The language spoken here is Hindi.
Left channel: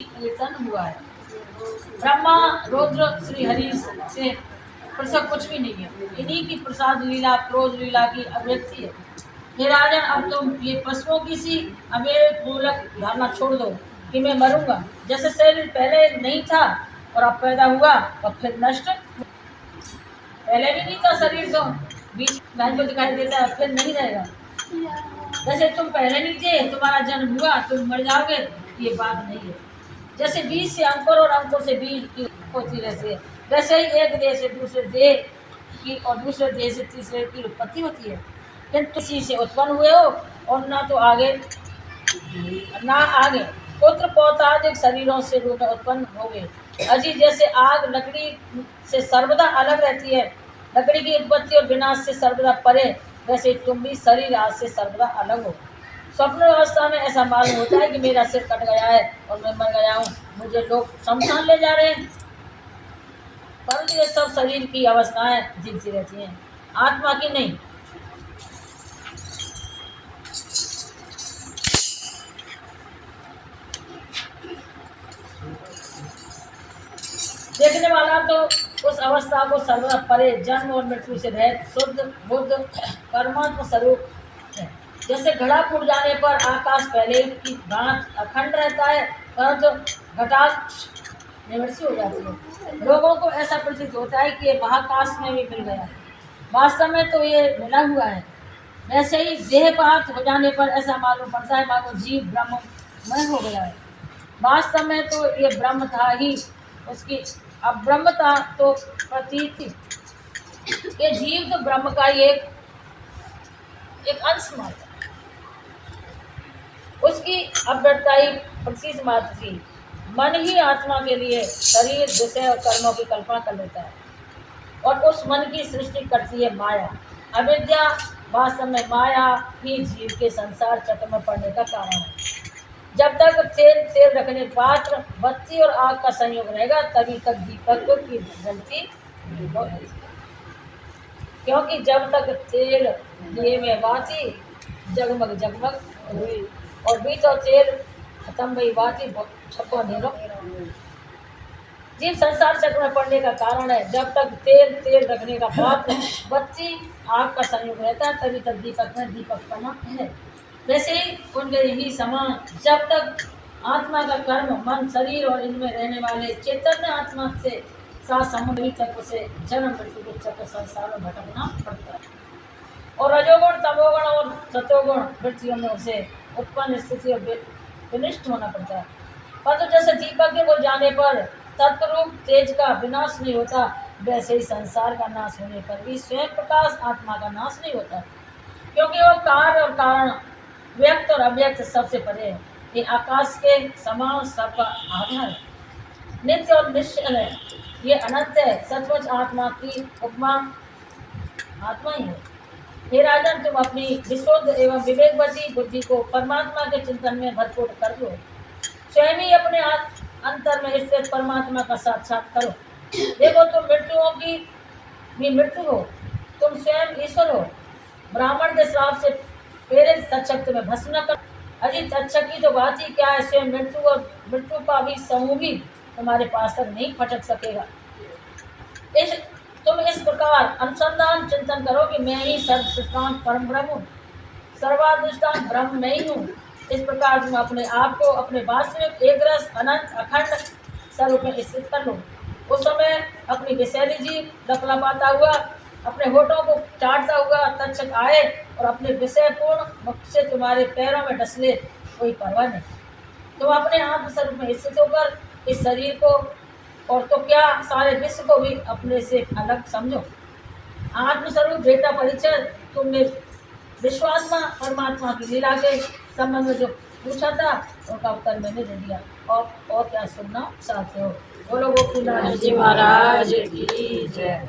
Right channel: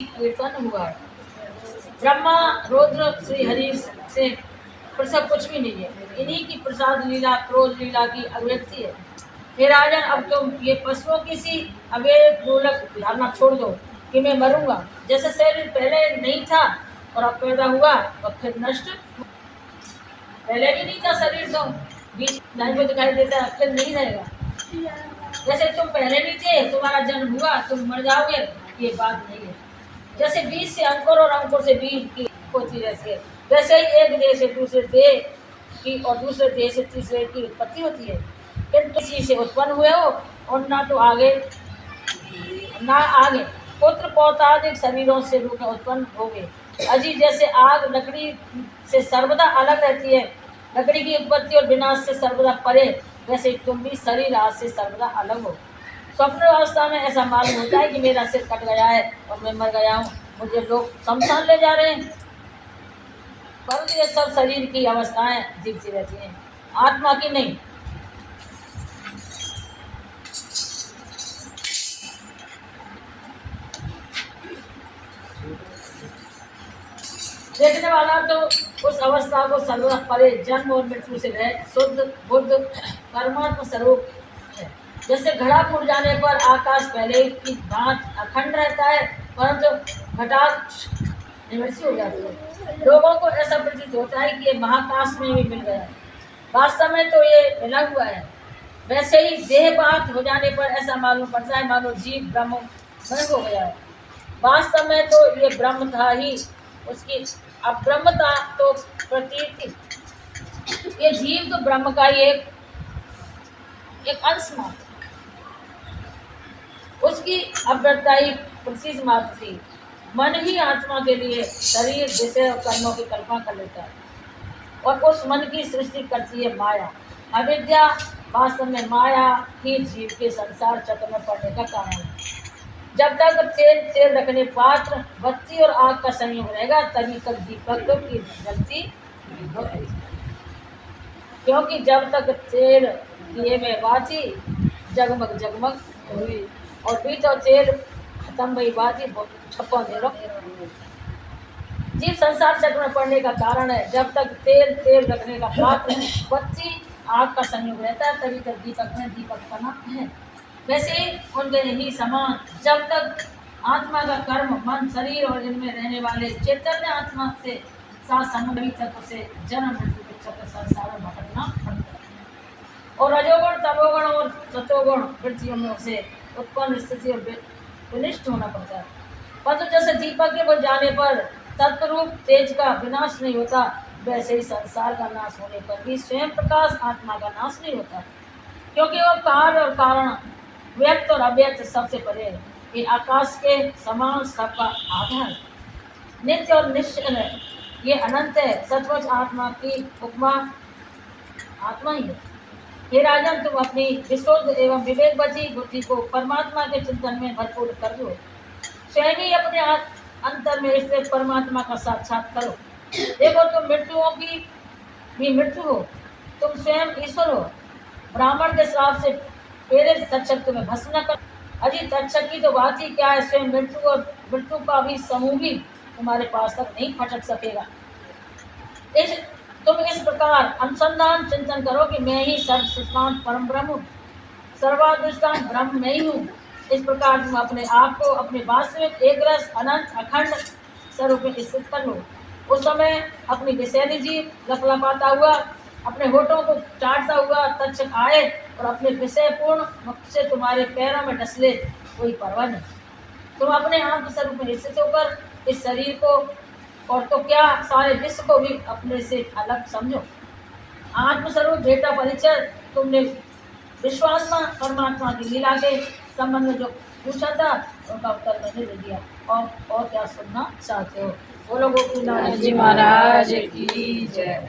कीर्तन हुआ है। ब्रह्मा रुद्र श्री हरि से प्रसव कुछ भी नहीं है, इन्हीं की प्रसाद लीला क्रोध लीला की अभिव्यक्ति है। हे राजन, अब तुम ये पशुओं की सी अवेद मूलक धारणा छोड़ दो कि मैं मरूंगा। जैसे शरीर पहले नहीं था और अब पैदा हुआ और फिर नष्ट, पहले भी नहीं था शरीर, तो बीच में को दिखाई देता है, फिर नहीं रहेगा। जैसे तुम पहले नहीं थे, तुम्हारा जन्म हुआ, तुम मर जाओगे, ये बात नहीं है। जैसे बीज से अंकुर और अंकुर से बीज की होती रहती है, वैसे ही एक देह से दूसरे देह की और दूसरे देह से तीसरे की उत्पत्ति होती है। किंतु किसी से उत्पन्न हुए हो और ना तो आगे ना आगे पुत्र पौत्रादिक शरीरों से रूप में उत्पन्न हो गए। अजी जैसे आग लकड़ी से सर्वदा अलग रहती है, लकड़ी की उत्पत्ति और विनाश से सर्वदा परे, वैसे तुम भी शरीर आज से सर्वदा अलग हो। स्वप्न अवस्था में ऐसा मालूम होता है कि मेरा सिर कट गया है और मैं मर गया हूँ, मुझे लोग शमशान ले जा रहे हैं, परंतु ये सब शरीर की अवस्थाएं जीवती रहती हैं, आत्मा की नहीं। देखने वाला तो उस अवस्था को सर्वदा परे जन्म और मृत्यु से रहित शुद्ध बुद्ध परमात्मा स्वरूप है। जैसे घड़ा फूट जाने पर आकाश पहले की भांति अखंड रहता है, परंतु घटाक्ष निवृत्ति हो जाती है। लोगों को ऐसा प्रतीत होता है कि ये महाकाश में भी मिल गया है, वास्तव में तो ये मिला हुआ है। वैसे ही देहपात हो जाने पर ऐसा मालूम पड़ता है मानो जीव ब्रह्ममय हो गया है, वास्तव में तो ये ब्रह्म था ही, उसकी अब्रह्मता तो प्रतीति। ये जीव तो ब्रह्म का ही एक अंश मात्र, उसकी अव्यक्तता ही प्रतीत मात्र थी। मन ही आत्मा के लिए शरीर विषय और कर्मों की कल्पना कर लेता है और उस मन की सृष्टि करती है माया। अविद्या वास्तव में माया ही जीव के संसार चक्र में पड़ने का कारण है। जब तक तेल रखने पात्र बत्ती और आग का संयोग रहेगा, तभी तक दीपक की गलती है। क्योंकि जब तक तेल दिए में बाती जगमग जगमग हुई और बीच और तेल खत्म हुई बाती छप्पो अंधेरो। जीव संसार चक्र में पड़ने का कारण है। जब तक तेल रखने का पात्र बत्ती आग का संयोग रहता है, तभी तक दीपक में दीपकपना है। वैसे ही उनके ही समान जब तक आत्मा का कर्म मन शरीर और इनमें रहने वाले चैतन्य आत्मा से साथ संबंध तक उसे जन्म मृत्यु के चक्र संसार में भटकना पड़ता है और रजोगुण तमोगुण और सतोगुण वृत्तियों में उसे उत्पन्न स्थिति और विनिष्ट होना पड़ता है। परंतु जैसे दीपक के बुझ जाने पर तत्वरूप तेज का विनाश नहीं होता, वैसे ही संसार का नाश होने पर भी स्वयं प्रकाश आत्मा का नाश नहीं होता, क्योंकि वो कार्य और कारण व्यक्त और अव्यक्त सबसे परे है। ये आकाश के समान सबका आधार है, नित्य और निश्चल है, ये अनंत है। सचमुच आत्मा की उपमा आत्मा ही है। हे राजन, तुम अपनी विशुद्ध एवं विवेकवती बुद्धि को परमात्मा के चिंतन में भरपूर कर दो। स्वयं ही अपने अंतर में स्थित परमात्मा का साक्षात करो। देखो, तुम मृत्युओं की भी मृत्यु हो, तुम स्वयं ईश्वर हो। ब्राह्मण के श्राप से प्रेरित तक्षक तुम्हें भस्म न कर। अजी तक्षक की तो बात ही क्या है, स्वयं मृत्यु और मृत्यु का भी समूह भी तुम्हारे पास तक नहीं फटक सकेगा। तुम इस प्रकार अनुसंधान चिंतन करो कि मैं ही सर्वश्रेष्ठान परम ब्रह्म हूँ, सर्वाधिष्ठान ब्रह्म मैं ही हूँ। इस प्रकार तुम अपने आप को अपने वास्तविक एक रस अनंत अखंड स्वरूप में स्थित कर लो। उस समय अपनी विषैली जीव लपलपाता हुआ अपने होठों को चाटता हुआ तक्षक आए और अपने विषयपूर्ण मुख से तुम्हारे पैरों में डसले, कोई परवाह नहीं। तुम अपने आत्म स्वरूप में स्थित होकर इस शरीर को और तो क्या सारे विश्व को भी अपने से अलग समझो। आत्मस्वरूप बेटा परिचय तुमने विश्वात्मा परमात्मा की लीला के संबंध में जो पूछा था, उनका उत्तर मैंने दे दिया। और क्या सुनना चाहते हो? बोलो गोपीनाथ जी महाराज की जय।